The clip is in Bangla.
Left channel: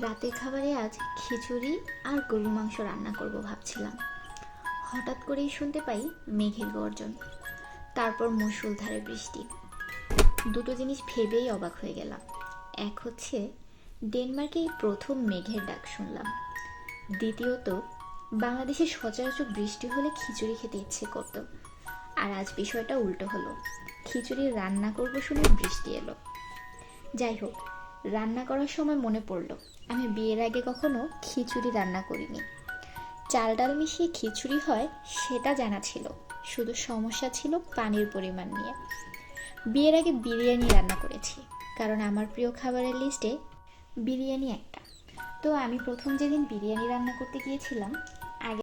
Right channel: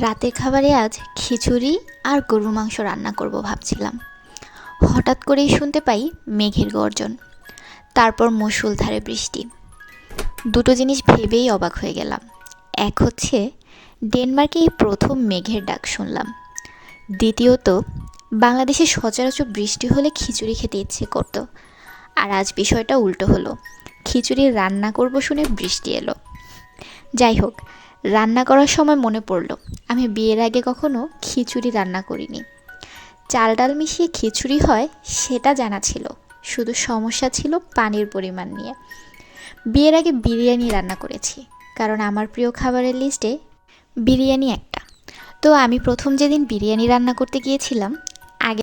রাতের খাবারে আজ খিচুড়ি আর গরুর মাংস রান্না করব ভাবছিলাম। হঠাৎ করেই শুনতে পাই মেঘের গর্জন, তারপর মুষলধারে বৃষ্টি। দুটো জিনিস ভেবেই অবাক হয়ে গেলাম। এক হচ্ছে ডেনমার্কে এই প্রথম মেঘের ডাক শুনলাম। দ্বিতীয়ত, বাংলাদেশে সচরাচর বৃষ্টি হলে খিচুড়ি খেতে ইচ্ছে করতো, আর আজ বিষয়টা উল্টো হলো। খিচুড়ি রান্না করব শুনে বৃষ্টি এলো। যাই হোক, রান্না করার সময় মনে পড়লো আমি বিয়ের আগে কখনো খিচুড়ি রান্না করিনি। চাল ডাল মিশিয়ে খিচুড়ি হয় সেটা জানা ছিল, শুধু সমস্যা ছিল পানির পরিমাণ নিয়ে। বিয়ের আগে বিরিয়ানি রান্না করেছি, কারণ আমার প্রিয় খাবারের লিস্টে বিরিয়ানি একটা। তো আমি প্রথম যেদিন বিরিয়ানি রান্না করতে গিয়েছিলাম